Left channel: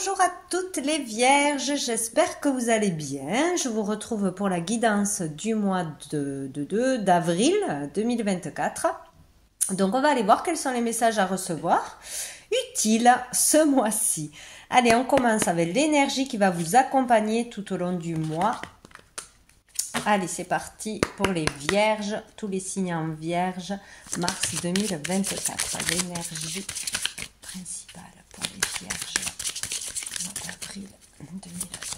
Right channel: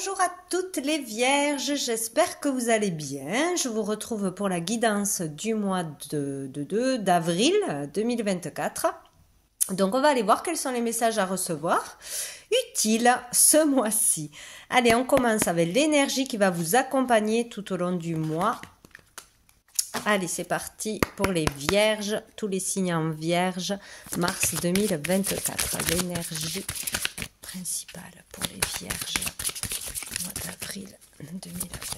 Bonjour à toutes les vierges, j'espère que vous allez bien. Je vous retrouve pour la guidance du mois d'avril 2024. Donc on va aller voir quels sont les messages à recevoir utiles ce mois-ci. Allez, on commence avec l'énergie qui va vous accompagner tout au long du mois. Allez, c'est parti pour les vierges, tous les signes en vierge, mars 2024. L'énergie principale pour les vierges, mois d'avril 2024.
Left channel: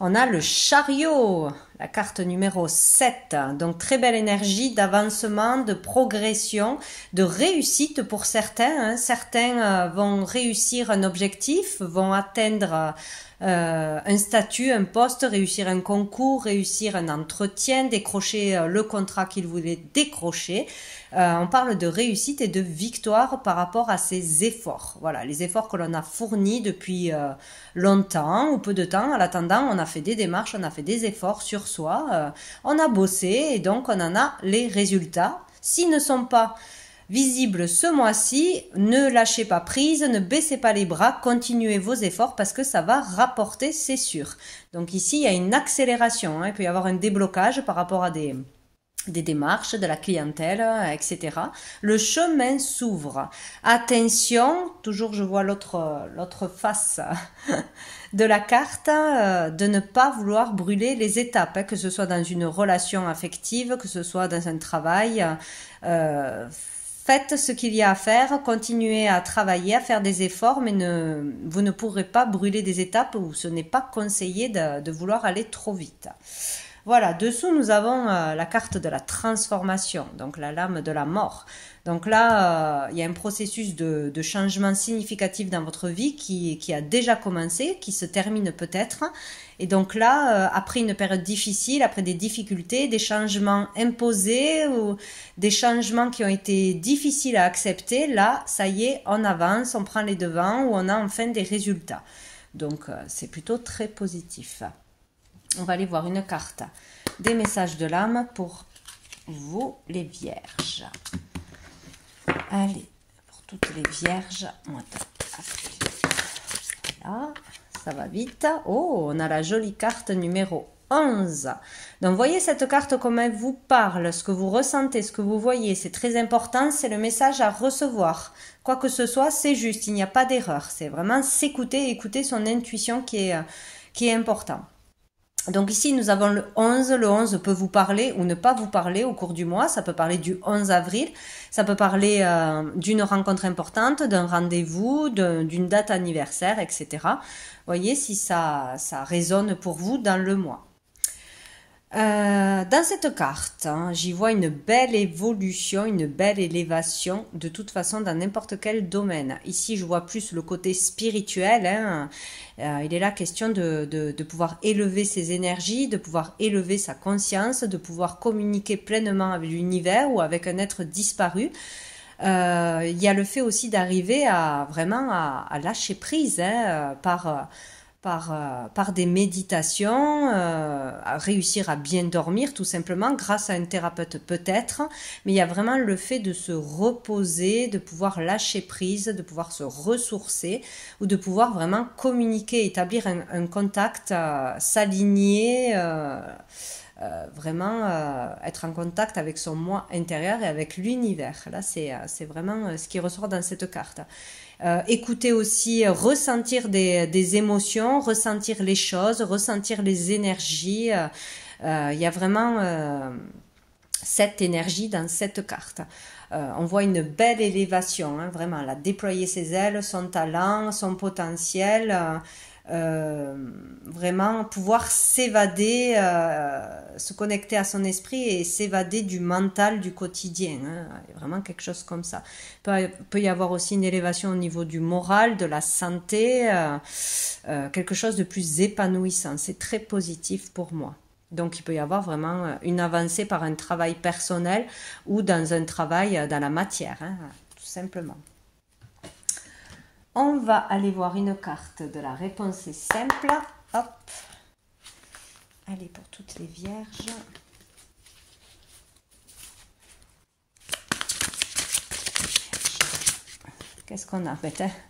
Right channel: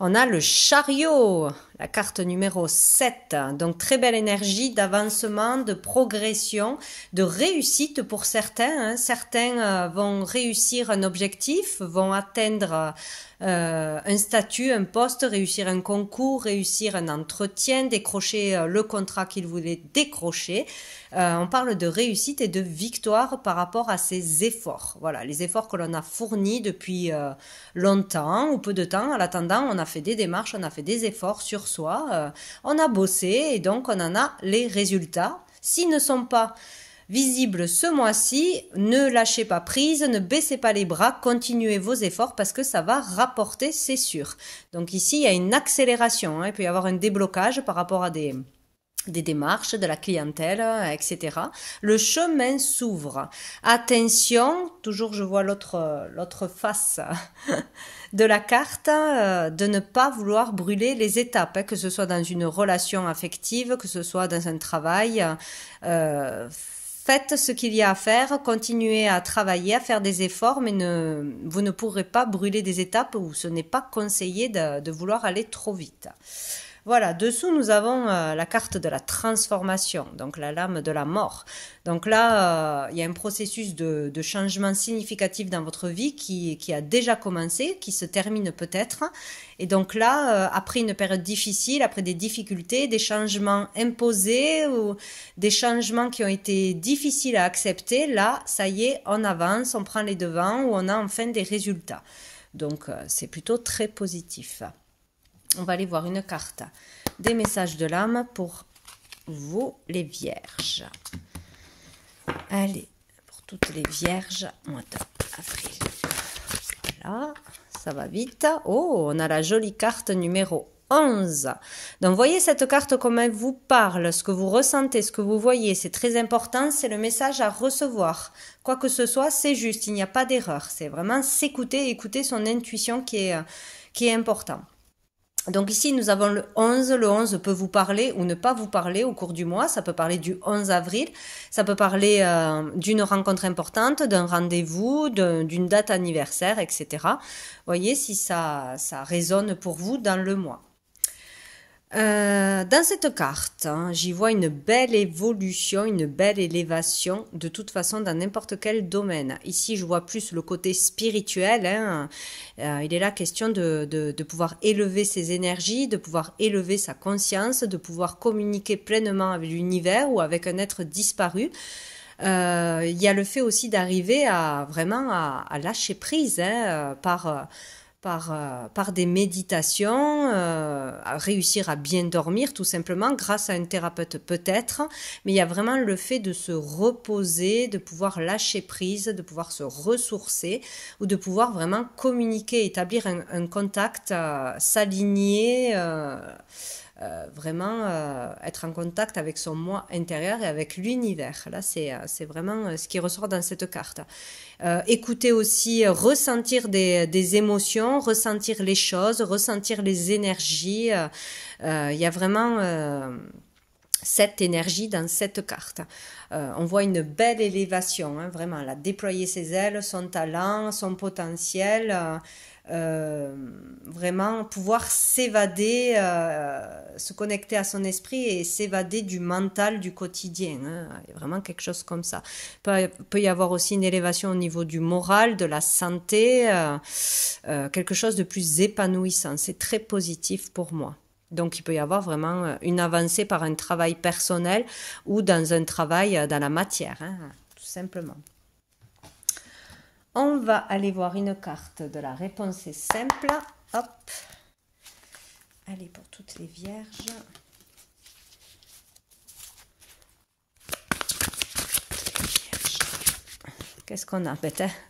On a le chariot, la carte numéro 7. Donc, très belle énergie d'avancement, de progression, de réussite pour certains. Certains vont réussir un objectif, vont atteindre un statut, un poste, réussir un concours, réussir un entretien, décrocher le contrat qu'ils voulaient décrocher. On parle de réussite et de victoire par rapport à ces efforts. Voilà, les efforts que l'on a fournis depuis longtemps ou peu de temps. En attendant, on a fait des démarches, on a fait des efforts sur soi, on a bossé et donc on en a les résultats. S'ils ne sont pas visibles ce mois-ci, ne lâchez pas prise, ne baissez pas les bras, continuez vos efforts parce que ça va rapporter, c'est sûr. Donc ici, il y a une accélération, il peut y avoir un déblocage par rapport à des démarches, de la clientèle, etc. Le chemin s'ouvre. Attention, toujours je vois l'autre face de la carte, de ne pas vouloir brûler les étapes, que ce soit dans une relation affective, que ce soit dans un travail. Faites ce qu'il y a à faire, continuez à travailler, à faire des efforts, mais vous ne pourrez pas brûler des étapes où ce n'est pas conseillé de vouloir aller trop vite. Voilà, dessous nous avons la carte de la transformation, donc la lame de la mort. Donc là, il y a un processus de changement significatif dans votre vie qui a déjà commencé, qui se termine peut-être. Et donc là, après une période difficile, après des difficultés, des changements imposés ou des changements qui ont été difficiles à accepter, là, ça y est, on avance, on prend les devants ou on a enfin des résultats. Donc c'est plutôt très positif. On va aller voir une carte des messages de l'âme pour vous les vierges. Allez, pour toutes les vierges, mois d'avril. Voilà, ça va vite. Oh, on a la jolie carte numéro 11. Donc, voyez cette carte, comment elle vous parle, ce que vous ressentez, ce que vous voyez. C'est très important, c'est le message à recevoir. Quoi que ce soit, c'est juste, il n'y a pas d'erreur. C'est vraiment s'écouter, écouter son intuition qui est important. Donc ici, nous avons le 11. Le 11 peut vous parler ou ne pas vous parler au cours du mois. Ça peut parler du 11 avril. Ça peut parler d'une rencontre importante, d'un rendez-vous, d'une date anniversaire, etc. Voyez si ça résonne pour vous dans le mois. Dans cette carte, j'y vois une belle évolution, une belle élévation, de toute façon dans n'importe quel domaine. Ici, je vois plus le côté spirituel. Il est là question de pouvoir élever ses énergies, de pouvoir élever sa conscience, de pouvoir communiquer pleinement avec l'univers ou avec un être disparu. Il y a le fait aussi d'arriver vraiment à lâcher prise par des méditations, à réussir à bien dormir tout simplement grâce à un thérapeute peut-être, mais il y a vraiment le fait de se reposer, de pouvoir lâcher prise, de pouvoir se ressourcer ou de pouvoir vraiment communiquer, établir un contact, s'aligner, vraiment être en contact avec son moi intérieur et avec l'univers. Là, c'est vraiment ce qui ressort dans cette carte. Écouter aussi, ressentir des émotions, ressentir les choses, ressentir les énergies. Il y a vraiment cette énergie dans cette carte. On voit une belle élévation, vraiment, elle a déployé ses ailes, son talent, son potentiel. Vraiment pouvoir s'évader, se connecter à son esprit et s'évader du mental du quotidien. Il y a vraiment quelque chose comme ça. Il peut y avoir aussi une élévation au niveau du moral, de la santé, quelque chose de plus épanouissant. C'est très positif pour moi. Donc, il peut y avoir vraiment une avancée par un travail personnel ou dans un travail dans la matière, tout simplement. On va aller voir une carte de la réponse est simple. Hop. Allez, pour toutes les vierges. Qu'est-ce qu'on a?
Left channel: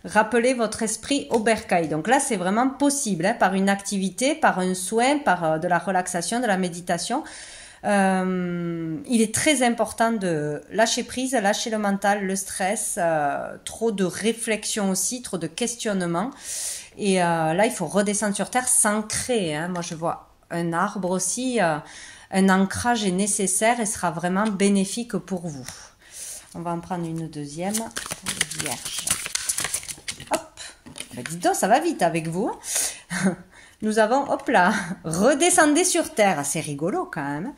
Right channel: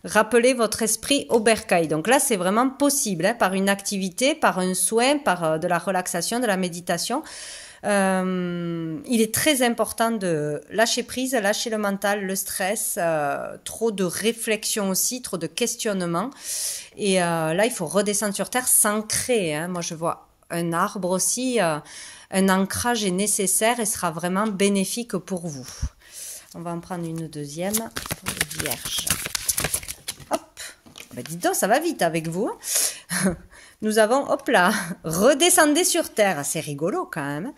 Rappelez votre esprit au bercail. Donc là, c'est vraiment possible, hein, par une activité, par un soin, par de la relaxation, de la méditation. Il est très important de lâcher prise, lâcher le mental, le stress, trop de réflexion aussi, trop de questionnement. Et là, il faut redescendre sur terre, s'ancrer. Hein. Moi, je vois un arbre aussi. Un ancrage est nécessaire et sera vraiment bénéfique pour vous. On va en prendre une deuxième pour les vierges. Hop, ben dis donc, ça va vite avec vous. Nous avons, hop là, redescendez sur terre. C'est rigolo quand même.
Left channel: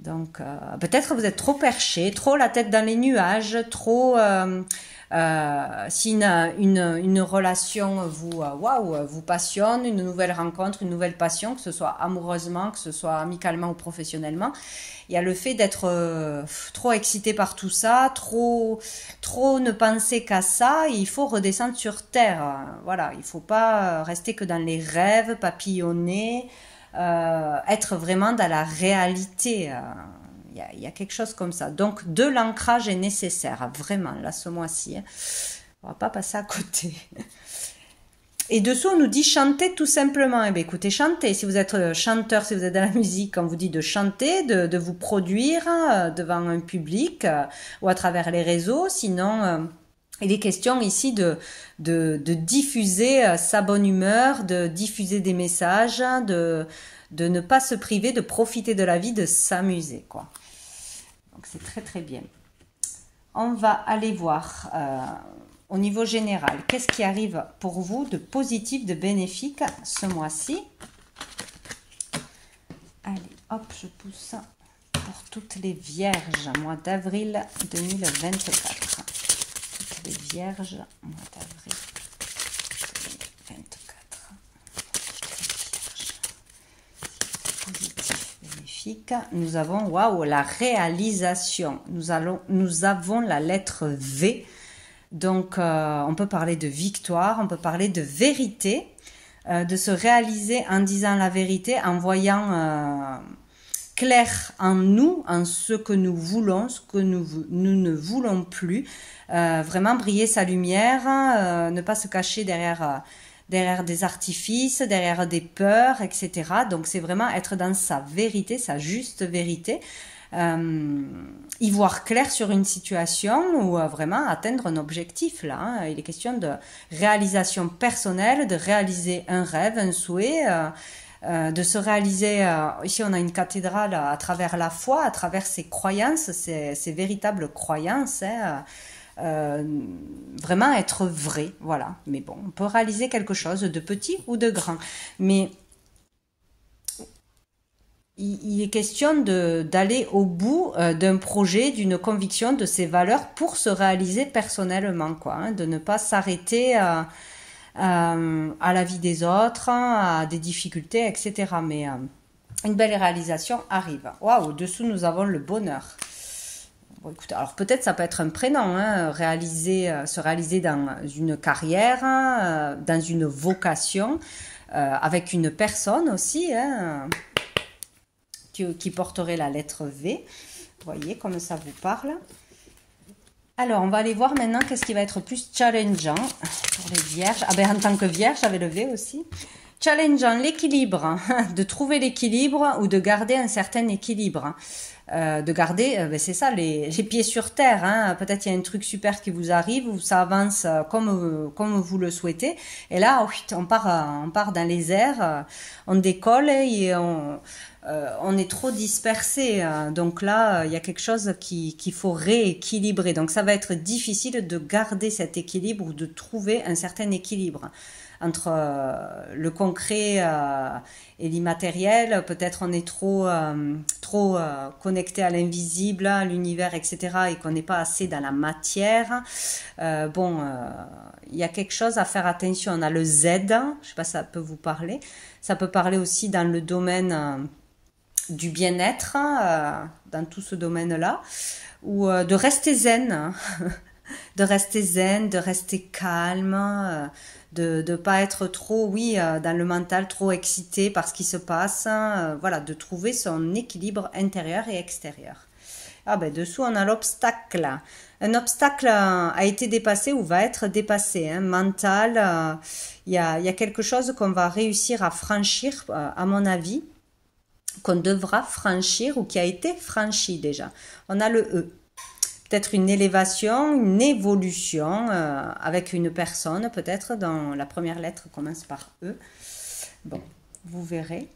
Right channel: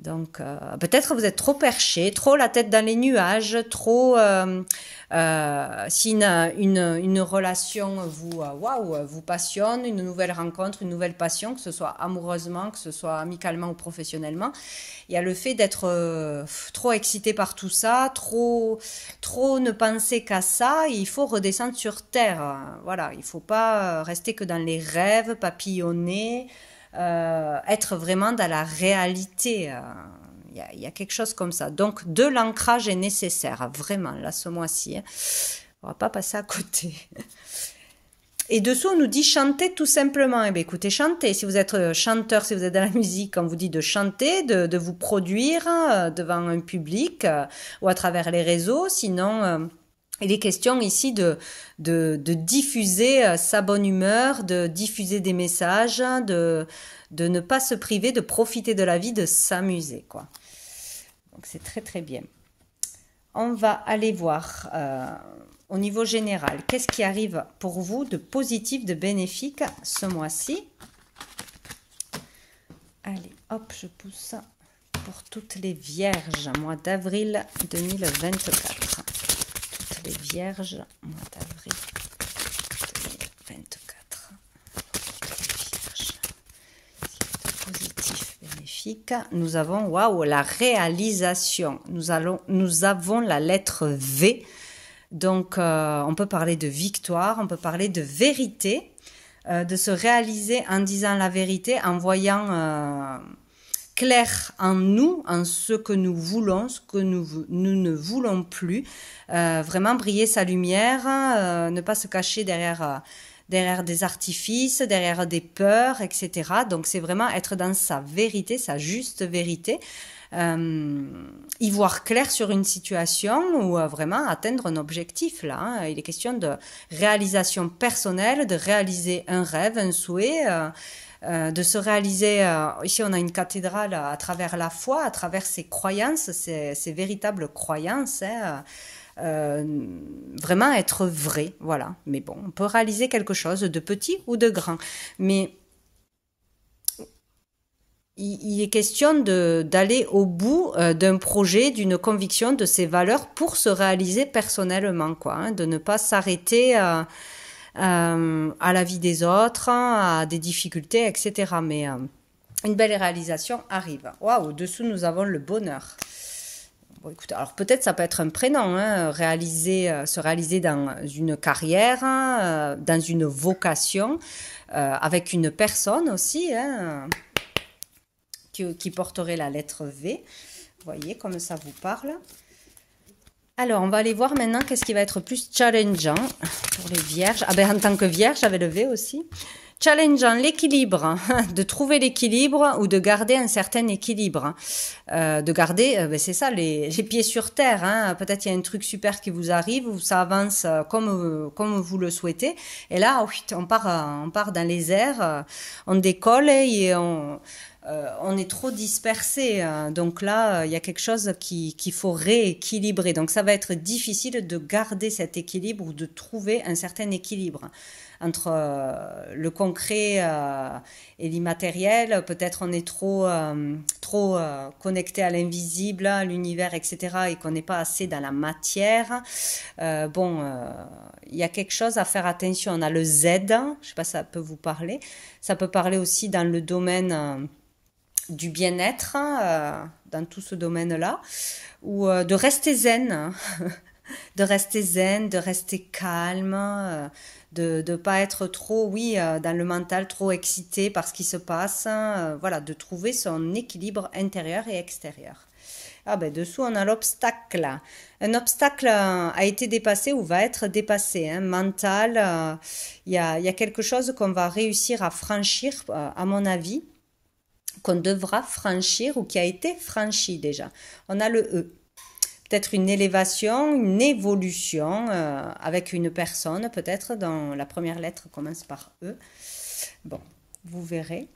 Donc, peut-être que vous êtes trop perché, trop la tête dans les nuages, trop... si une relation vous passionne, une nouvelle rencontre, une nouvelle passion, que ce soit amoureusement, que ce soit amicalement ou professionnellement, il y a le fait d'être trop excité par tout ça, trop ne penser qu'à ça, il faut redescendre sur terre. Voilà, il ne faut pas rester que dans les rêves, papillonner, être vraiment dans la réalité. Il y a quelque chose comme ça. Donc, de l'ancrage est nécessaire, vraiment, là, ce mois-ci. Hein. On ne va pas passer à côté. Et dessous, on nous dit chanter tout simplement. Eh bien, écoutez, chantez. Si vous êtes chanteur, si vous êtes dans la musique, on vous dit de chanter, de vous produire devant un public ou à travers les réseaux. Sinon, il est question ici de diffuser sa bonne humeur, de diffuser des messages, de ne pas se priver, de profiter de la vie, de s'amuser, quoi. Donc, c'est très, très bien. On va aller voir... au niveau général, qu'est-ce qui arrive pour vous de positif, de bénéfique ce mois-ci? Allez, hop, je pousse pour toutes les vierges, mois d'avril 2024. Toutes les vierges, mois d'avril 2024. Toutes les vierges. Positif, bénéfique. Nous avons, waouh, la réalisation. Nous avons la lettre V. Donc, on peut parler de victoire, on peut parler de vérité, de se réaliser en disant la vérité, en voyant clair en nous, en ce que nous voulons, ce que nous ne voulons plus. Vraiment briller sa lumière, ne pas se cacher derrière des artifices, derrière des peurs, etc. Donc, c'est vraiment être dans sa vérité, sa juste vérité. Y voir clair sur une situation ou vraiment atteindre un objectif là. Hein. Il est question de réalisation personnelle, de réaliser un rêve, un souhait, de se réaliser. Ici, on a une cathédrale à travers la foi, à travers ses croyances, ses véritables croyances. Hein. Vraiment être vrai, voilà. Mais bon, on peut réaliser quelque chose de petit ou de grand. Mais il est question d'aller au bout d'un projet, d'une conviction, de ses valeurs pour se réaliser personnellement, quoi, hein, de ne pas s'arrêter à la vie des autres, à des difficultés, etc. Mais une belle réalisation arrive. Waouh, dessous nous avons le bonheur. Bon, écoute, alors peut-être ça peut être un prénom, hein, se réaliser dans une carrière, dans une vocation, avec une personne aussi, hein, qui porterait la lettre V. Vous voyez comme ça vous parle. Alors, on va aller voir maintenant qu'est-ce qui va être plus challengeant pour les vierges. Ah ben, en tant que vierge, j'avais le V aussi. Challengeant, l'équilibre, hein, de trouver l'équilibre ou de garder un certain équilibre. Hein. De garder, ben c'est ça, les pieds sur terre. Hein. Peut-être il y a un truc super qui vous arrive, ou ça avance comme vous le souhaitez. Et là, on part dans les airs, on décolle et on est trop dispersé. Donc là, il y a quelque chose qu'il faut rééquilibrer. Donc ça va être difficile de garder cet équilibre ou de trouver un certain équilibre entre le concret et l'immatériel. Peut-être on est trop connecté à l'invisible, à l'univers, etc. et qu'on n'est pas assez dans la matière. Il y a quelque chose à faire attention. On a le Z, je ne sais pas si ça peut vous parler. Ça peut parler aussi dans le domaine du bien-être, dans tout ce domaine-là, ou de rester zen, de rester zen, de rester calme, de ne pas être trop, dans le mental, trop excité par ce qui se passe, voilà, de trouver son équilibre intérieur et extérieur. Ah ben dessous on a l'obstacle. Un obstacle a été dépassé ou va être dépassé, hein, mental. Il y a quelque chose qu'on va réussir à franchir, à mon avis, qu'on devra franchir ou qui a été franchi déjà. On a le E. Peut-être une élévation, une évolution avec une personne, peut-être dans la première lettre commence par E. Bon, vous verrez.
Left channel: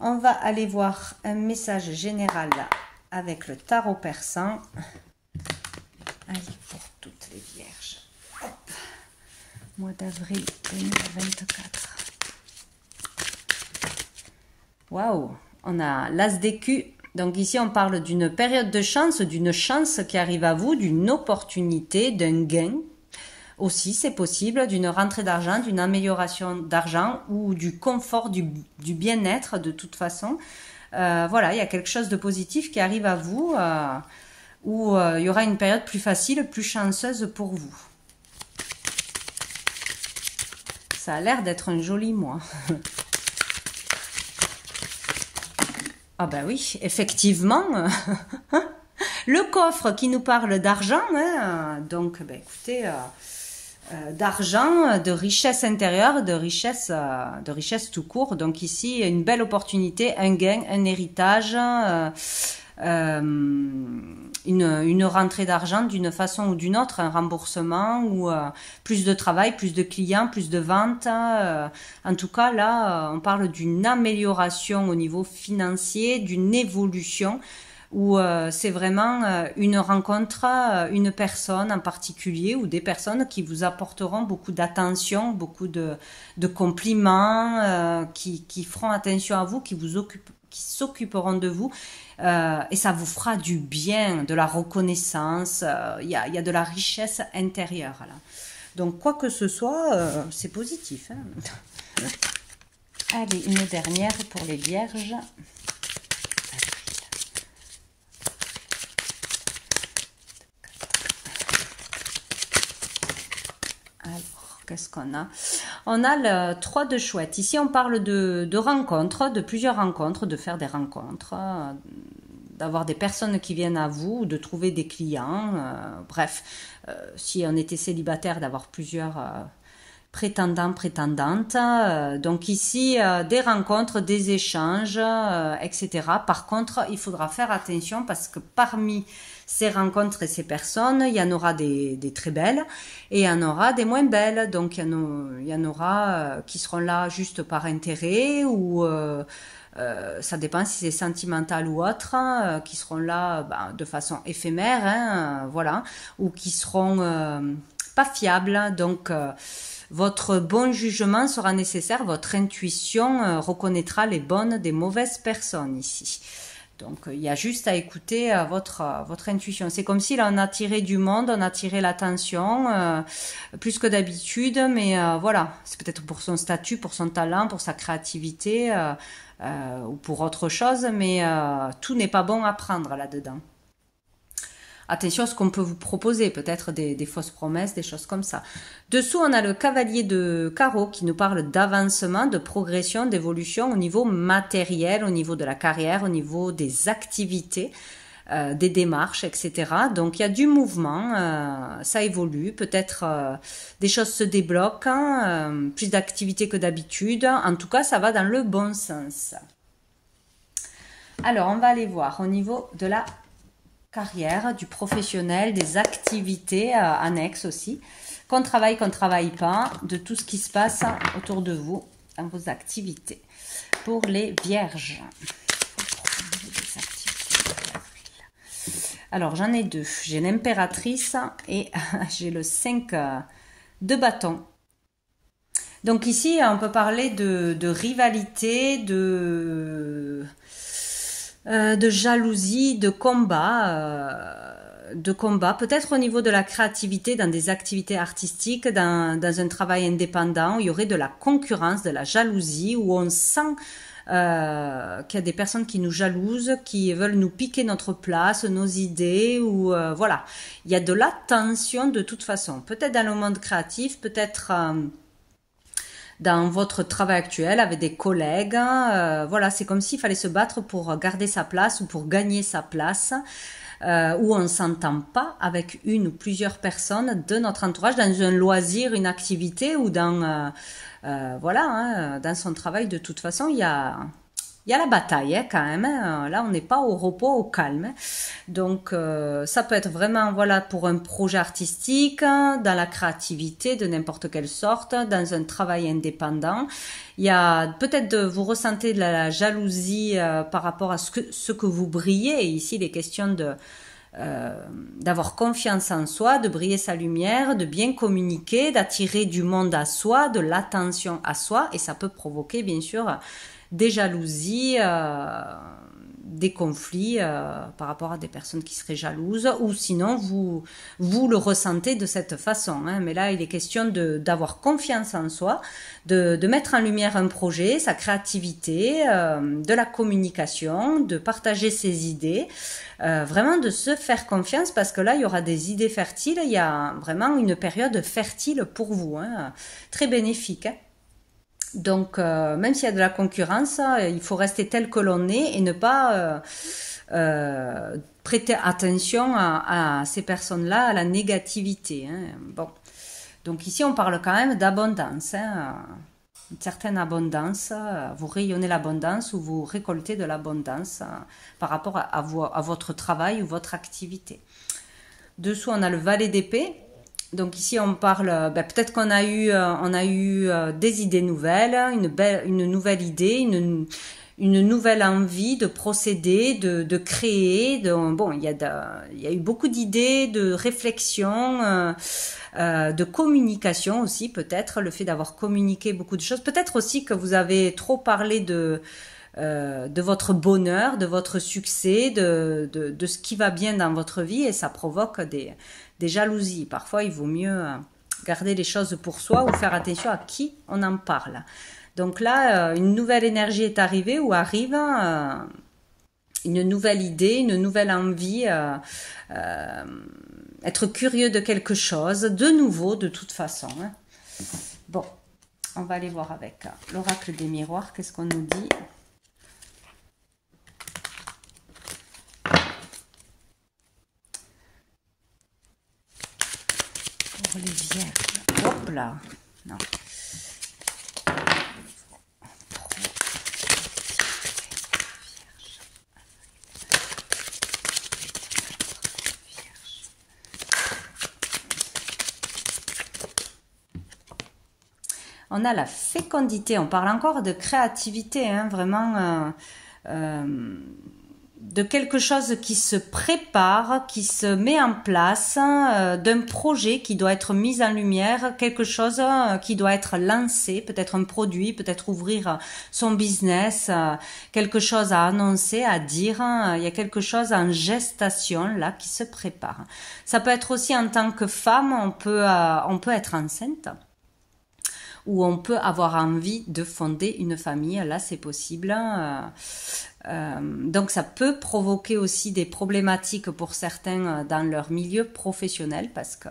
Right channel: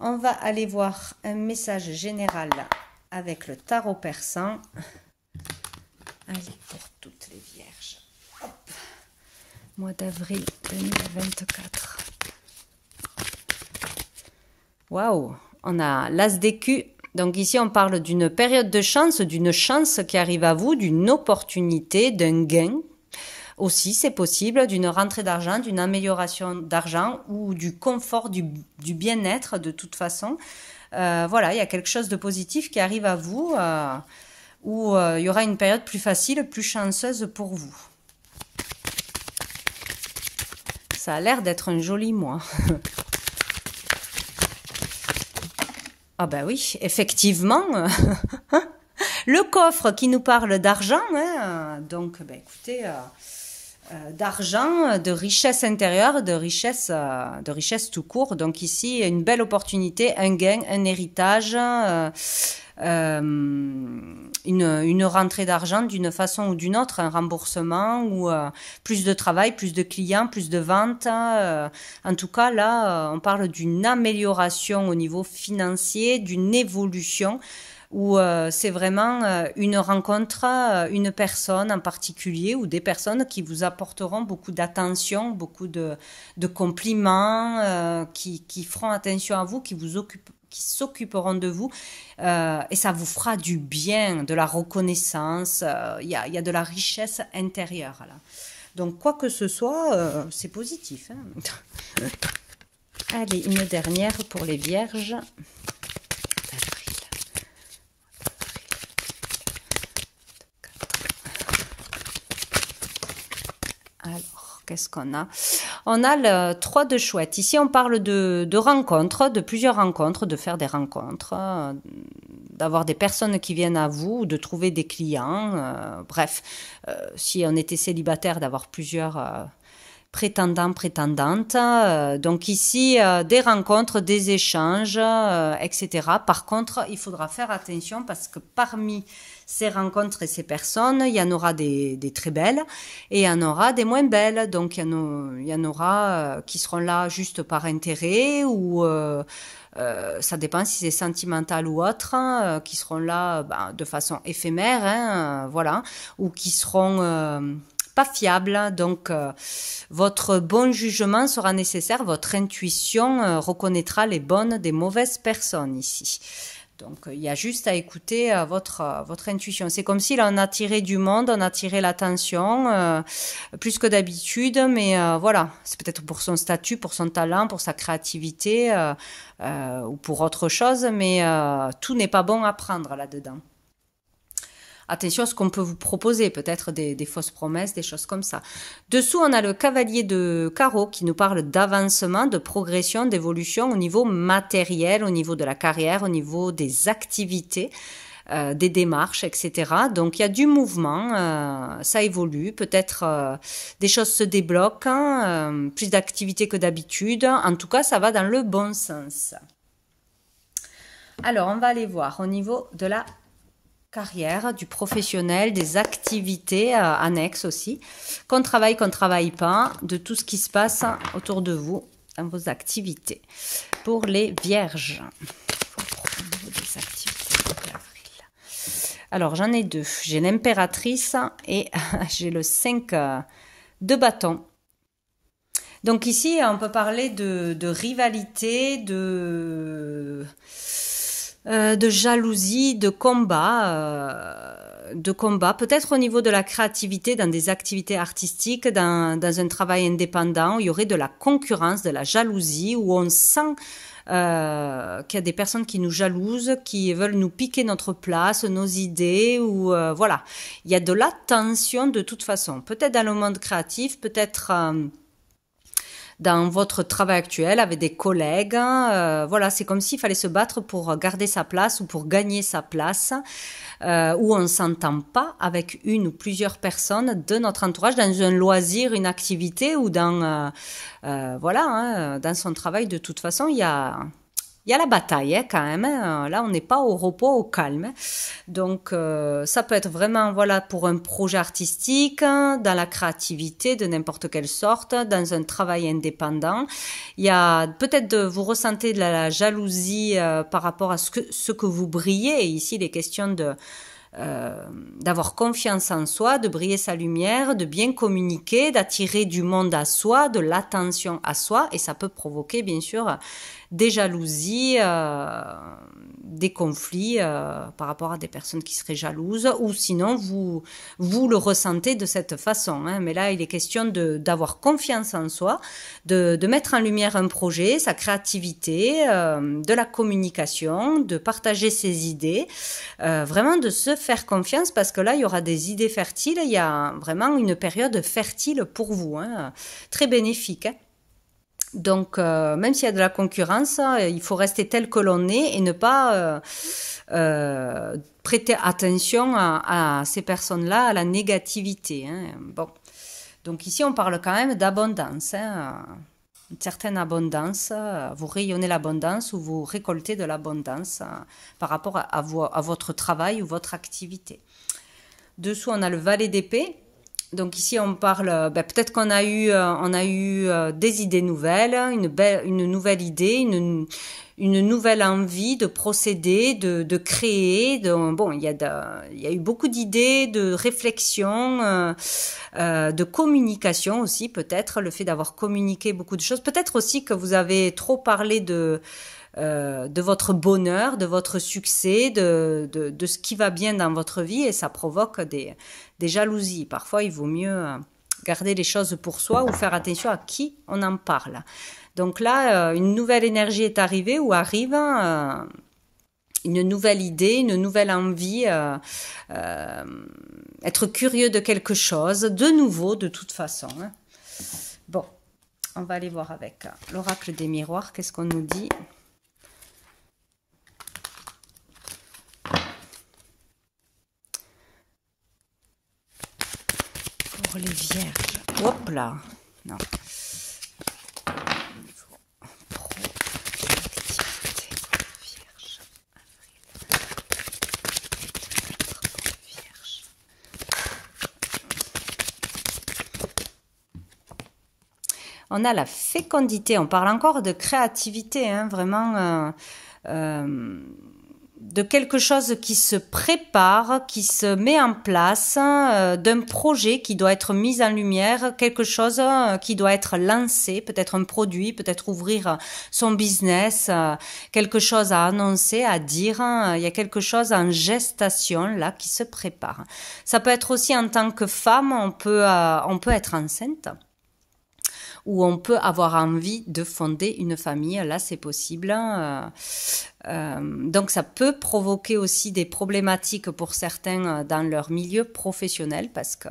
On va aller voir un message général avec le tarot persan. Allez, pour toutes les vierges. Hop. Mois d'avril 2024. Waouh, on a l'as d'écu. Donc ici, on parle d'une période de chance, d'une chance qui arrive à vous, d'une opportunité, d'un gain. Aussi, c'est possible, d'une rentrée d'argent, d'une amélioration d'argent ou du confort, du bien-être de toute façon. Voilà, il y a quelque chose de positif qui arrive à vous où il y aura une période plus facile, plus chanceuse pour vous. Ça a l'air d'être un joli mois. Ah ben oui, effectivement, le coffre qui nous parle d'argent, hein, donc ben écoutez, d'argent, de richesse intérieure, de richesse tout court. Donc ici, une belle opportunité, un gain, un héritage, une rentrée d'argent d'une façon ou d'une autre, un remboursement ou plus de travail, plus de clients, plus de ventes. En tout cas, là, on parle d'une amélioration au niveau financier, d'une évolution où c'est vraiment une rencontre, une personne en particulier ou des personnes qui vous apporteront beaucoup d'attention, beaucoup de compliments, qui feront attention à vous, qui s'occuperont de vous et ça vous fera du bien, de la reconnaissance, il y a de la richesse intérieure là. Donc quoi que ce soit, c'est positif, hein. Allez, une dernière pour les vierges. Qu'est-ce qu'on a? On a le 3 de chouette. Ici, on parle de rencontres, de plusieurs rencontres, de faire des rencontres, d'avoir des personnes qui viennent à vous, de trouver des clients. Bref, si on était célibataire, d'avoir plusieurs prétendants, prétendantes. Donc ici, des rencontres, des échanges, etc. Par contre, il faudra faire attention parce que parmi ces rencontres et ces personnes, il y en aura des très belles et il y en aura des moins belles. Donc il y en aura qui seront là juste par intérêt ou ça dépend si c'est sentimental ou autre, qui seront là de façon éphémère, hein, voilà, ou qui seront pas fiables. Donc votre bon jugement sera nécessaire, votre intuition reconnaîtra les bonnes des mauvaises personnes ici. Donc, il y a juste à écouter votre intuition. C'est comme si là, on a tiré du monde, on a tiré l'attention, plus que d'habitude, mais voilà, c'est peut-être pour son statut, pour son talent, pour sa créativité, ou pour autre chose, mais tout n'est pas bon à prendre là-dedans. Attention à ce qu'on peut vous proposer, peut-être des fausses promesses, des choses comme ça. Dessous, on a le cavalier de carreau qui nous parle d'avancement, de progression, d'évolution au niveau matériel, au niveau de la carrière, au niveau des activités, des démarches, etc. Donc, il y a du mouvement, ça évolue, peut-être des choses se débloquent, hein, plus d'activités que d'habitude. En tout cas, ça va dans le bon sens. Alors, on va aller voir au niveau de la carrière, du professionnel, des activités annexes aussi, qu'on travaille pas, de tout ce qui se passe autour de vous dans vos activités. Pour les vierges, alors j'en ai deux, j'ai l'impératrice et j'ai le 5 de bâton. Donc ici on peut parler de rivalité, de jalousie, de combat, peut-être au niveau de la créativité, dans des activités artistiques, dans un travail indépendant, où il y aurait de la concurrence, de la jalousie, où on sent qu'il y a des personnes qui nous jalousent, qui veulent nous piquer notre place, nos idées, ou voilà. Il y a de la tension de toute façon, peut-être dans le monde créatif, peut-être dans votre travail actuel avec des collègues. Voilà, c'est comme s'il fallait se battre pour garder sa place ou pour gagner sa place. Où on ne s'entend pas avec une ou plusieurs personnes de notre entourage dans un loisir, une activité ou dans voilà, hein, dans son travail. De toute façon, il y a la bataille hein, quand même. Hein. Là, on n'est pas au repos, au calme. Hein. Donc, ça peut être vraiment voilà pour un projet artistique, hein, dans la créativité de n'importe quelle sorte, dans un travail indépendant. Il y a peut-être vous ressentez de la jalousie par rapport à ce que vous brillez. Ici, les questions de d'avoir confiance en soi, de briller sa lumière, de bien communiquer, d'attirer du monde à soi, de l'attention à soi, et ça peut provoquer bien sûr des jalousies, des conflits par rapport à des personnes qui seraient jalouses, ou sinon vous le ressentez de cette façon. Hein. Mais là, il est question d'avoir confiance en soi, de mettre en lumière un projet, sa créativité, de la communication, de partager ses idées, vraiment de se faire confiance parce que là, il y aura des idées fertiles, il y a vraiment une période fertile pour vous, hein, très bénéfique. Hein. Donc, même s'il y a de la concurrence, il faut rester tel que l'on est et ne pas prêter attention à ces personnes-là, à la négativité. Hein. Bon. Donc ici, on parle quand même d'abondance. Hein. Une certaine abondance, vous rayonnez l'abondance ou vous récoltez de l'abondance par rapport à votre travail ou votre activité. Dessous, on a le valet d'épée. Donc ici on parle, peut-être qu'on a eu, des idées nouvelles, une nouvelle idée, une nouvelle envie de procéder, de créer. Bon, il y a eu beaucoup d'idées, de réflexion, de communication aussi peut-être, le fait d'avoir communiqué beaucoup de choses. Peut-être aussi que vous avez trop parlé de votre bonheur, de votre succès, de ce qui va bien dans votre vie et ça provoque des jalousies. Parfois, il vaut mieux garder les choses pour soi ou faire attention à qui on en parle. Donc là, une nouvelle énergie est arrivée ou arrive, une nouvelle idée, une nouvelle envie, être curieux de quelque chose, de nouveau de toute façon. Hein. Bon, on va aller voir avec l'oracle des miroirs, qu'est-ce qu'on nous dit ? Pour les vierges. Hop là. Non. On a la fécondité, on parle encore de créativité, hein, vraiment de quelque chose qui se prépare, qui se met en place, d'un projet qui doit être mis en lumière, quelque chose qui doit être lancé, peut-être un produit, peut-être ouvrir son business, quelque chose à annoncer, à dire, il y a quelque chose en gestation là qui se prépare. Ça peut être aussi en tant que femme, on peut être enceinte. Où on peut avoir envie de fonder une famille, là c'est possible. Donc ça peut provoquer aussi des problématiques pour certains dans leur milieu professionnel parce que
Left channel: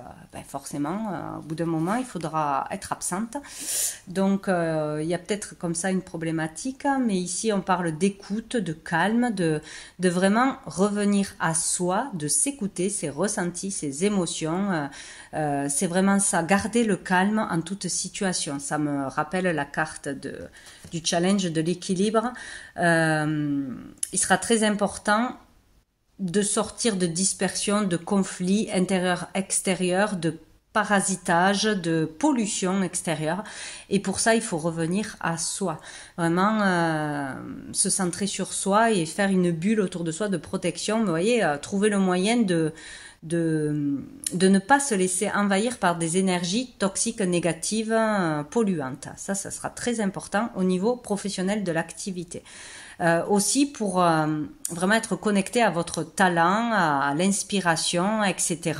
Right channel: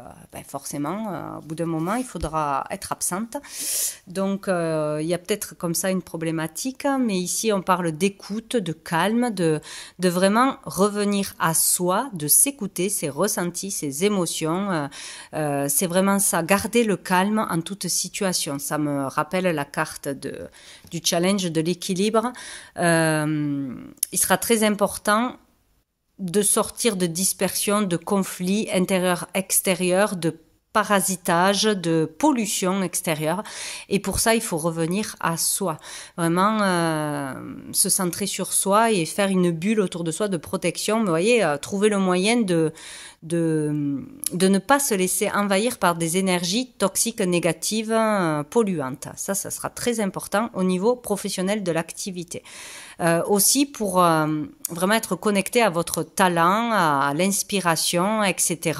forcément au bout d'un moment il faudra être absente. Donc il y a peut-être comme ça une problématique, mais ici on parle d'écoute, de calme, de vraiment revenir à soi, de s'écouter, ses ressentis, ses émotions. C'est vraiment ça, garder le calme en toute situation. Ça me rappelle la carte du challenge de l'équilibre. Il sera très important de sortir de dispersion, de conflits intérieurs-extérieurs, de parasitage, de pollution extérieure. Et pour ça, il faut revenir à soi. Vraiment se centrer sur soi et faire une bulle autour de soi de protection. Mais vous voyez, trouver le moyen de ne pas se laisser envahir par des énergies toxiques, négatives, polluantes. Ça sera très important au niveau professionnel de l'activité. Aussi pour vraiment être connecté à votre talent, à l'inspiration, etc.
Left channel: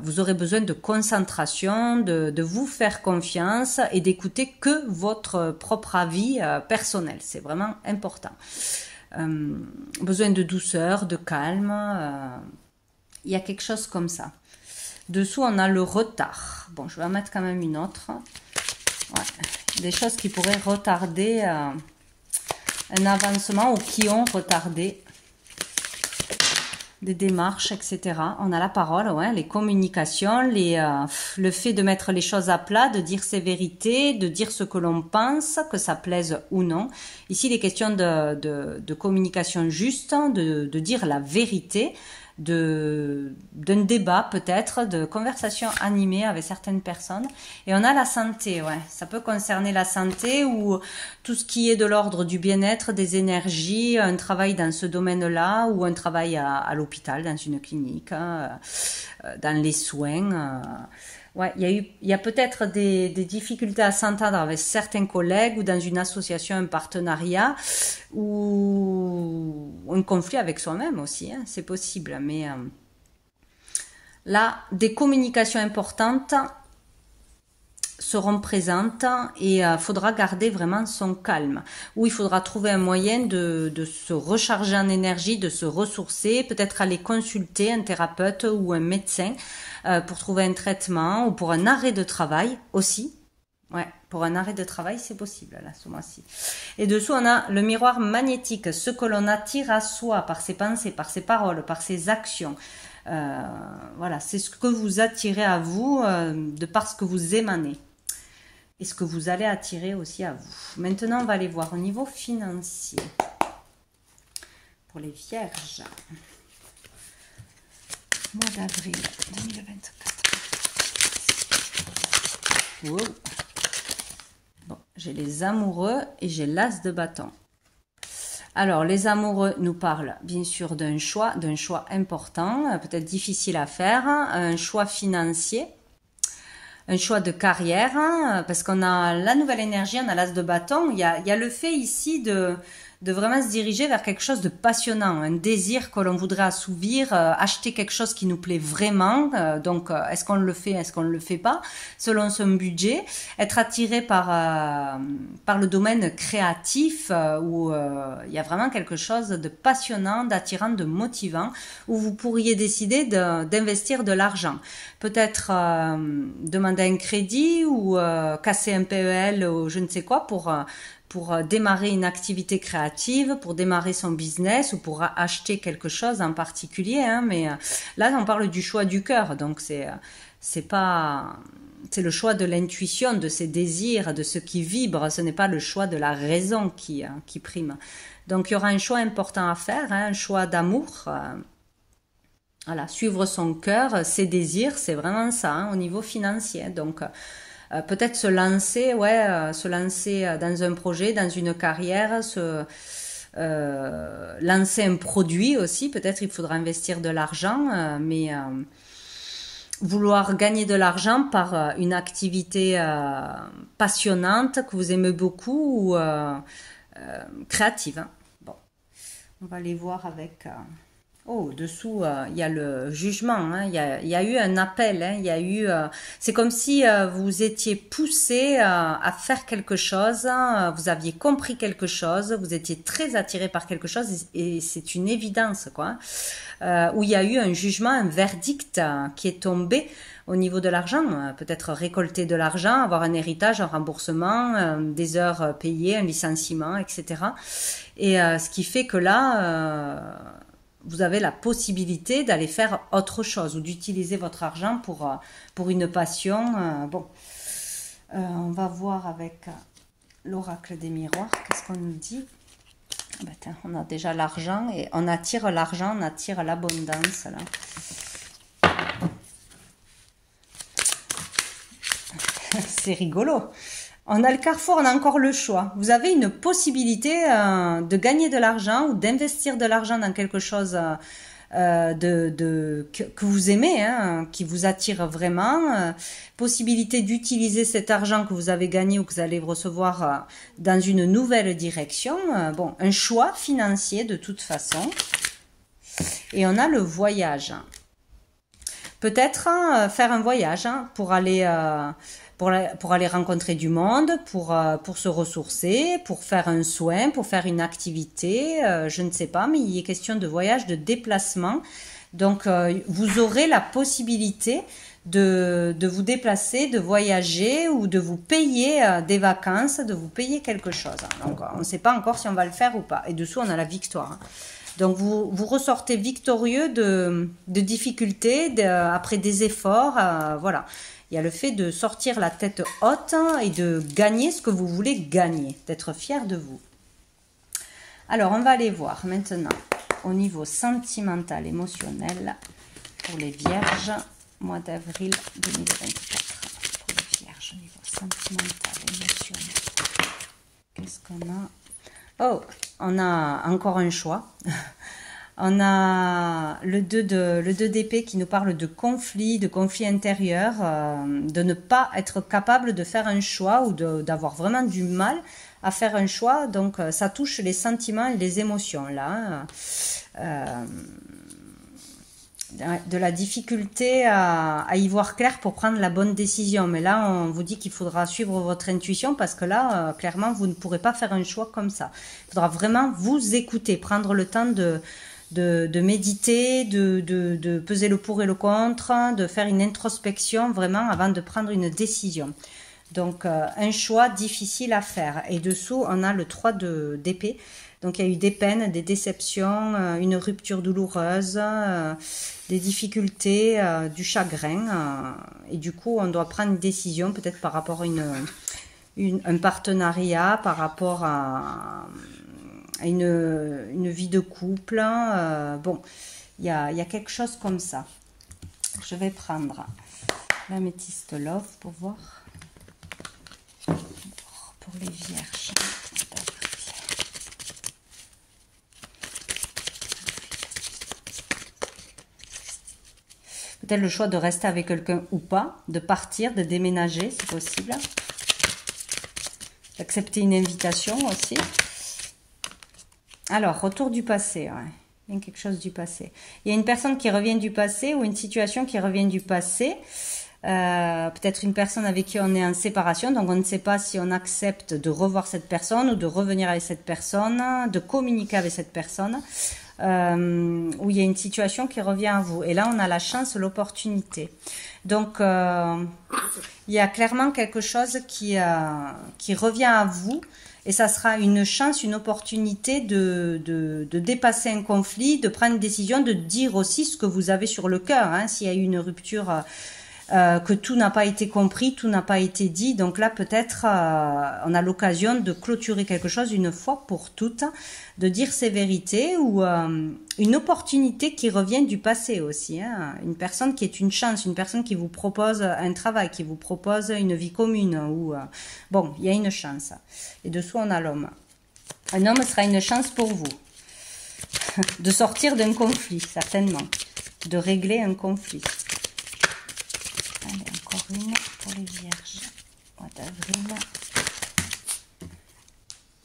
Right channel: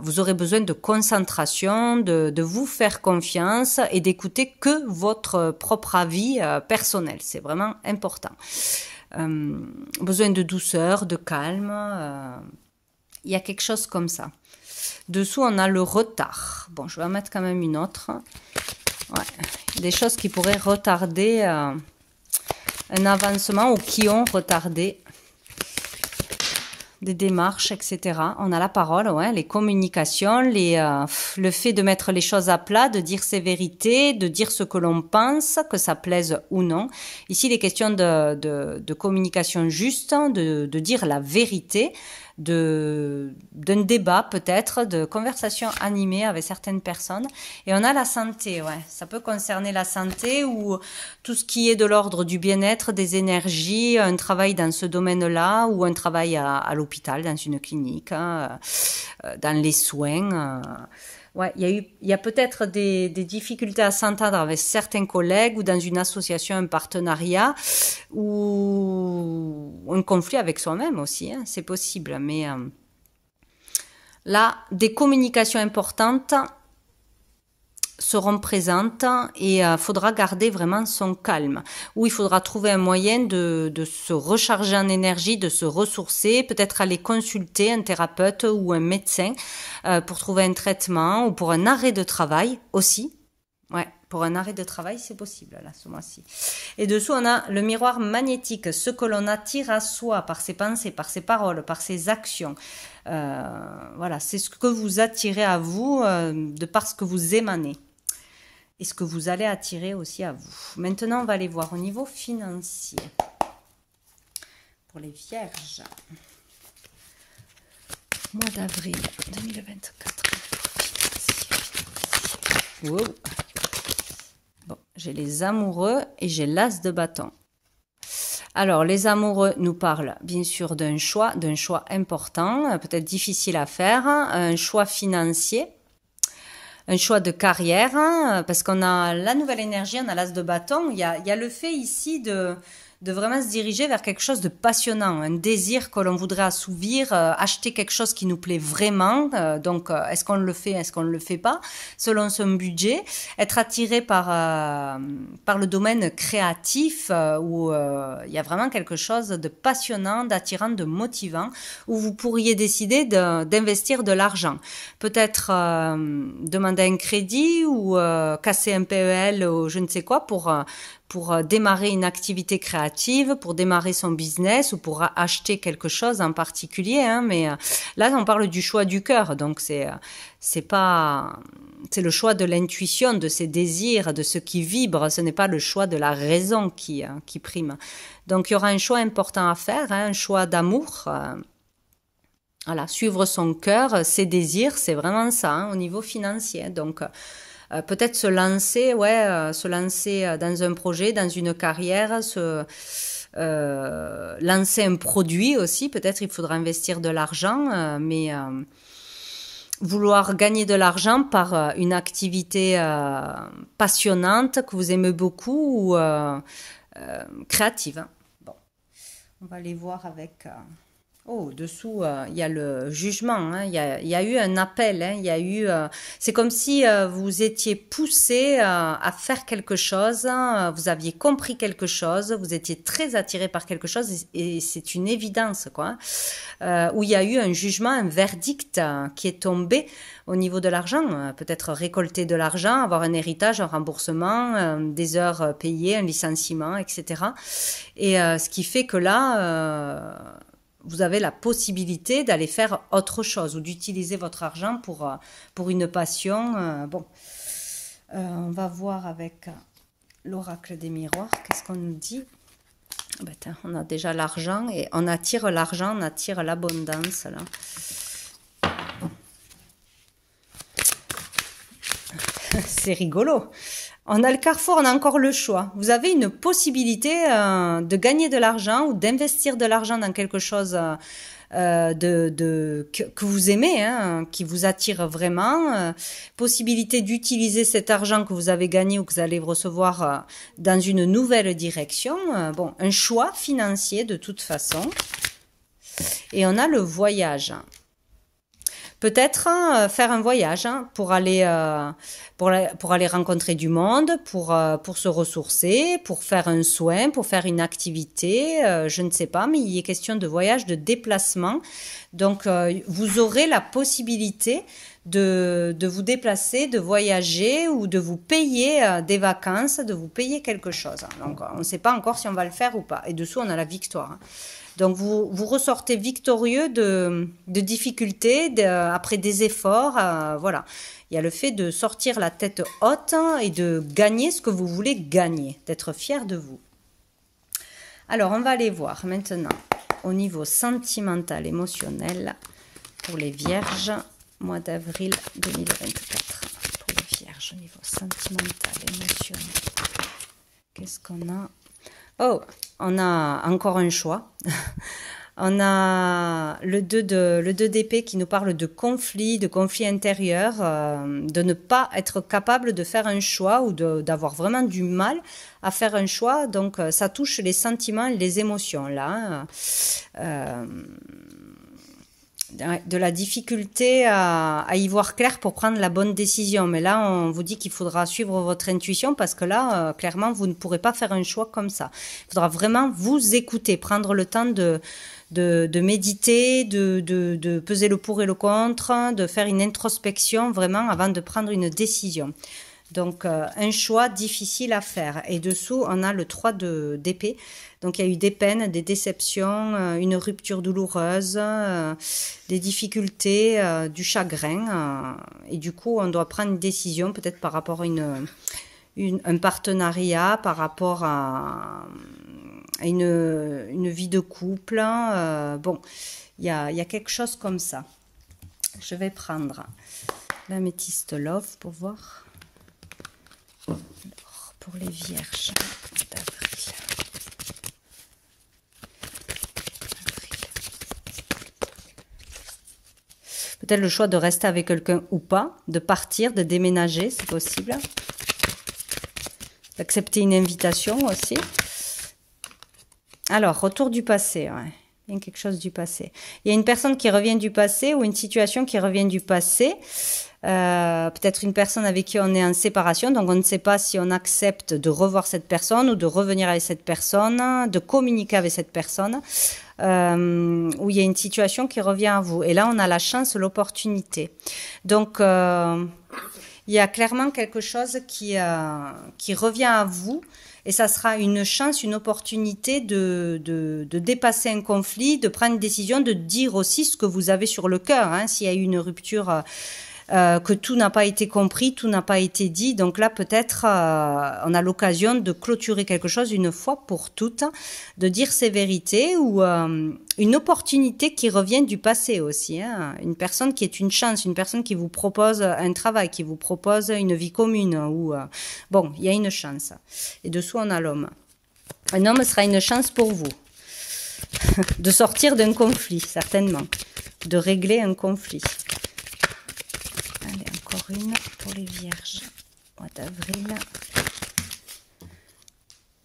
Vous aurez besoin de concentration, de vous faire confiance et d'écouter que votre propre avis personnel. C'est vraiment important. Besoin de douceur, de calme. Il y a quelque chose comme ça. Dessous, on a le retard. Bon, je vais en mettre quand même une autre. Ouais. Des choses qui pourraient retarder un avancement ou qui ont retardé des démarches, etc. On a la parole, ouais, les communications, le fait de mettre les choses à plat, de dire ses vérités, de dire ce que l'on pense, que ça plaise ou non. Ici, il est question de communication juste, de dire la vérité, d'un débat peut-être, de conversation animée avec certaines personnes. Et on a la santé, ouais. Ça peut concerner la santé ou tout ce qui est de l'ordre du bien-être, des énergies, un travail dans ce domaine-là ou un travail à l'hôpital, dans une clinique, hein, dans les soins. Ouais, il y a peut-être des difficultés à s'entendre avec certains collègues ou dans une association, un partenariat ou un conflit avec soi-même aussi, hein, c'est possible. Mais là, des communications importantes seront présentes et il faudra garder vraiment son calme. Ou il faudra trouver un moyen de se recharger en énergie, de se ressourcer, peut-être aller consulter un thérapeute ou un médecin pour trouver un traitement ou pour un arrêt de travail aussi. Ouais, pour un arrêt de travail, c'est possible, là, ce mois-ci. Et dessous, on a le miroir magnétique, ce que l'on attire à soi par ses pensées, par ses paroles, par ses actions. Voilà, c'est ce que vous attirez à vous de par ce que vous émanez. Et ce que vous allez attirer aussi à vous. Maintenant, on va aller voir au niveau financier. Pour les vierges. Mois d'avril 2024. Wow. Bon, j'ai les amoureux et j'ai l'as de bâton. Alors, les amoureux nous parlent bien sûr d'un choix important, peut-être difficile à faire, un choix financier. Un choix de carrière, hein, parce qu'on a la nouvelle énergie, on a l'as de bâton. Il y a le fait ici de vraiment se diriger vers quelque chose de passionnant, un désir que l'on voudrait assouvir, acheter quelque chose qui nous plaît vraiment. Donc, est-ce qu'on le fait, est-ce qu'on ne le fait pas, selon son budget. Être attiré par le domaine créatif, où il y a vraiment quelque chose de passionnant, d'attirant, de motivant, où vous pourriez décider d'investir de l'argent. Peut-être demander un crédit ou casser un PEL ou je ne sais quoi pour démarrer une activité créative, pour démarrer son business ou pour acheter quelque chose en particulier. Hein, mais là, on parle du choix du cœur, donc c'est le choix de l'intuition, de ses désirs, de ce qui vibre. Ce n'est pas le choix de la raison qui prime. Donc, il y aura un choix important à faire, hein, un choix d'amour. Voilà, suivre son cœur, ses désirs, c'est vraiment ça, hein, au niveau financier. Donc, peut-être se lancer dans un projet, dans une carrière, lancer un produit aussi. Peut-être il faudra investir de l'argent, mais vouloir gagner de l'argent par une activité passionnante que vous aimez beaucoup ou créative. Hein. Bon, on va aller voir avec... Oh, dessous, il y a le jugement, hein. Il y a eu un appel, hein. Il y a eu, c'est comme si vous étiez poussé à faire quelque chose, hein. Vous aviez compris quelque chose, vous étiez très attiré par quelque chose et c'est une évidence, quoi. Où il y a eu un jugement, un verdict qui est tombé au niveau de l'argent, peut-être récolter de l'argent, avoir un héritage, un remboursement, des heures payées, un licenciement, etc. Et ce qui fait que là... vous avez la possibilité d'aller faire autre chose ou d'utiliser votre argent pour une passion. Bon, on va voir avec l'oracle des miroirs, qu'est-ce qu'on nous dit? Ben, tiens, on a déjà l'argent et on attire l'argent, on attire l'abondance là. C'est rigolo. On a le carrefour, on a encore le choix. Vous avez une possibilité de gagner de l'argent ou d'investir de l'argent dans quelque chose que vous aimez, hein, qui vous attire vraiment. Possibilité d'utiliser cet argent que vous avez gagné ou que vous allez recevoir dans une nouvelle direction. Bon, un choix financier de toute façon. Et on a le voyage. Peut-être faire un voyage hein, pour aller rencontrer du monde, pour se ressourcer, pour faire un soin, pour faire une activité, je ne sais pas, mais il est question de voyage, de déplacement. Donc, vous aurez la possibilité de vous déplacer, de voyager ou de vous payer des vacances, de vous payer quelque chose. Donc, on ne sait pas encore si on va le faire ou pas. Et dessous, on a la victoire. Donc, vous ressortez victorieux de difficultés, après des efforts. Voilà. Il y a le fait de sortir la tête haute et de gagner ce que vous voulez gagner, d'être fier de vous. Alors, on va aller voir maintenant au niveau sentimental, émotionnel pour les vierges, mois d'avril 2024. Pour les vierges, au niveau sentimental, émotionnel. Qu'est-ce qu'on a? Oh, on a encore un choix. On a le 2 d'épée qui nous parle de conflit intérieur, de ne pas être capable de faire un choix ou d'avoir vraiment du mal à faire un choix. Donc, ça touche les sentiments et les émotions, là. De la difficulté à y voir clair pour prendre la bonne décision. Mais là, on vous dit qu'il faudra suivre votre intuition parce que là, clairement, vous ne pourrez pas faire un choix comme ça. Il faudra vraiment vous écouter, prendre le temps de méditer, de peser le pour et le contre, de faire une introspection vraiment avant de prendre une décision. Donc, un choix difficile à faire. Et dessous, on a le 3 d'épée. Donc, il y a eu des peines, des déceptions, une rupture douloureuse, des difficultés, du chagrin. Et du coup, on doit prendre une décision, peut-être par rapport à un partenariat, par rapport à une vie de couple. Bon, il y a quelque chose comme ça. Je vais prendre l'améthyste love pour voir. Pour les vierges d'avril. Peut-être le choix de rester avec quelqu'un ou pas, de partir, de déménager, c'est possible. D'accepter une invitation aussi. Alors, retour du passé. Ouais. Il y a quelque chose du passé. Il y a une personne qui revient du passé ou une situation qui revient du passé. Peut-être une personne avec qui on est en séparation, donc on ne sait pas si on accepte de revoir cette personne ou de revenir avec cette personne, de communiquer avec cette personne, où il y a une situation qui revient à vous. Et là, on a la chance, l'opportunité. Donc, il y a clairement quelque chose qui revient à vous. Et ça sera une chance, une opportunité de dépasser un conflit, de prendre une décision, de dire aussi ce que vous avez sur le cœur. Hein, s'il y a eu une rupture, que tout n'a pas été compris, tout n'a pas été dit. Donc là, peut-être, on a l'occasion de clôturer quelque chose une fois pour toutes, de dire ses vérités ou une opportunité qui revient du passé aussi. Hein, une personne qui est une chance, une personne qui vous propose un travail, qui vous propose une vie commune. Ou bon, il y a une chance. Et dessous, on a l'homme. Un homme sera une chance pour vous. De sortir d'un conflit, certainement. De régler un conflit. Allez, encore une pour les vierges. Mois d'avril.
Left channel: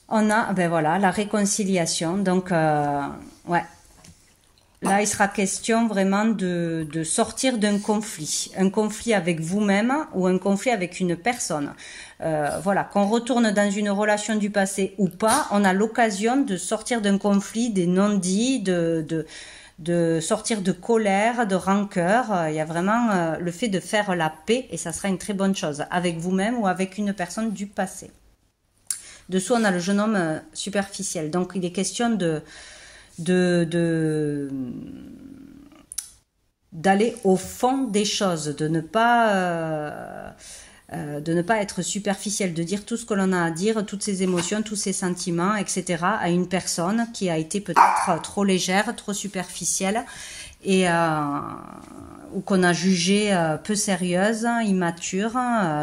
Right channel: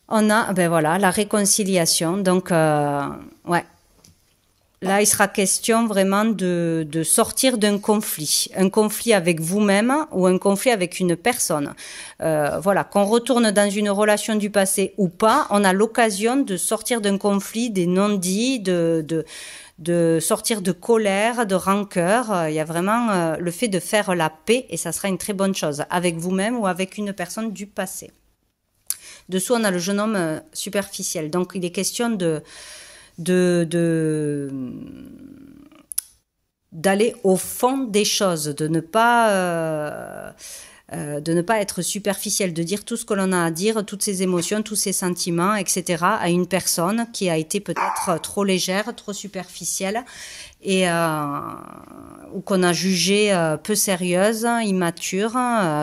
On a, ben voilà, la réconciliation. Donc, ouais. Là, il sera question vraiment de sortir d'un conflit. Un conflit avec vous-même ou un conflit avec une personne. Voilà, qu'on retourne dans une relation du passé ou pas, on a l'occasion de sortir d'un conflit, des non-dits, de sortir de colère, de rancœur. Il y a vraiment le fait de faire la paix et ça sera une très bonne chose avec vous-même ou avec une personne du passé. Dessous, on a le jeune homme superficiel. Donc, il est question d'aller au fond des choses, de ne pas être superficiel, de dire tout ce que l'on a à dire, toutes ses émotions, tous ses sentiments, etc. à une personne qui a été peut-être trop légère, trop superficielle et ou qu'on a jugée peu sérieuse, immature.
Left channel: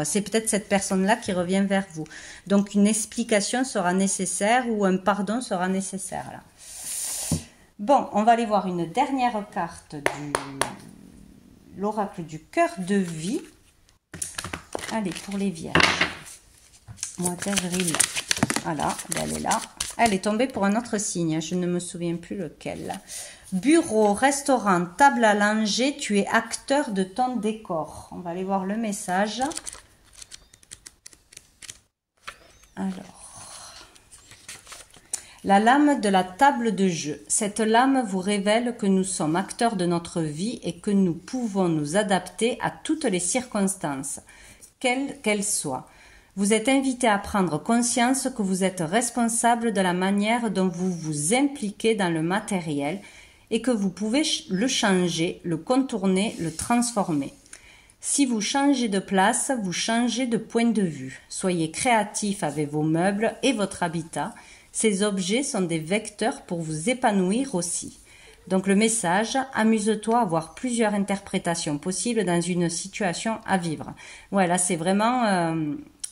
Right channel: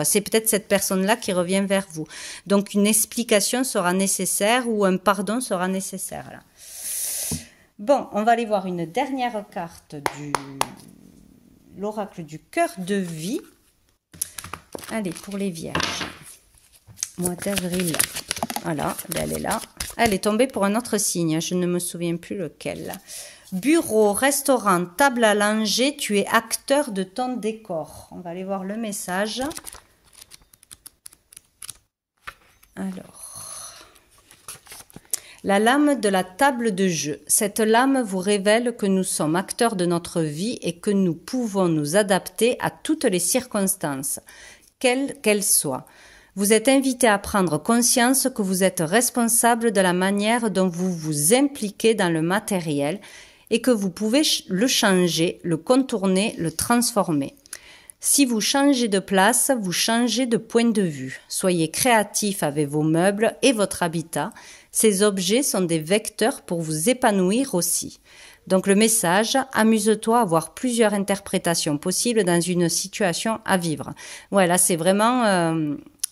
C'est peut-être cette personne-là qui revient vers vous. Donc une explication sera nécessaire ou un pardon sera nécessaire là. Bon, on va aller voir une dernière carte de l'oracle du cœur de vie. Allez, pour les vierges. Mois d'avril. Voilà, elle est là. Elle est tombée pour un autre signe, je ne me souviens plus lequel. Bureau, restaurant, table à langer, tu es acteur de ton décor. On va aller voir le message. Alors. La lame de la table de jeu. Cette lame vous révèle que nous sommes acteurs de notre vie et que nous pouvons nous adapter à toutes les circonstances, quelles qu'elles soient. Vous êtes invité à prendre conscience que vous êtes responsable de la manière dont vous vous impliquez dans le matériel et que vous pouvez le changer, le contourner, le transformer. Si vous changez de place, vous changez de point de vue. Soyez créatif avec vos meubles et votre habitat. Ces objets sont des vecteurs pour vous épanouir aussi. Donc le message, amuse-toi à avoir plusieurs interprétations possibles dans une situation à vivre. Voilà, c'est vraiment,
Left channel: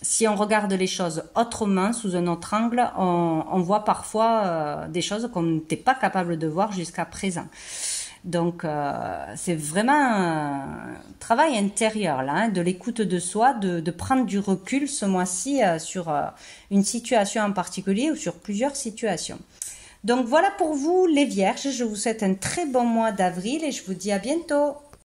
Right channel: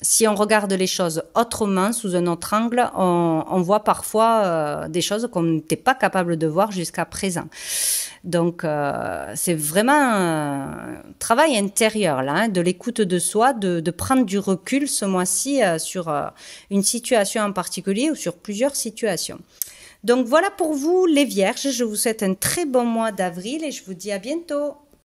si on regarde les choses autrement, sous un autre angle, on voit parfois des choses qu'on n'était pas capable de voir jusqu'à présent. Donc, c'est vraiment un travail intérieur, là, hein, de l'écoute de soi, de prendre du recul ce mois-ci sur une situation en particulier ou sur plusieurs situations. Donc, voilà pour vous, les Vierges. Je vous souhaite un très bon mois d'avril et je vous dis à bientôt.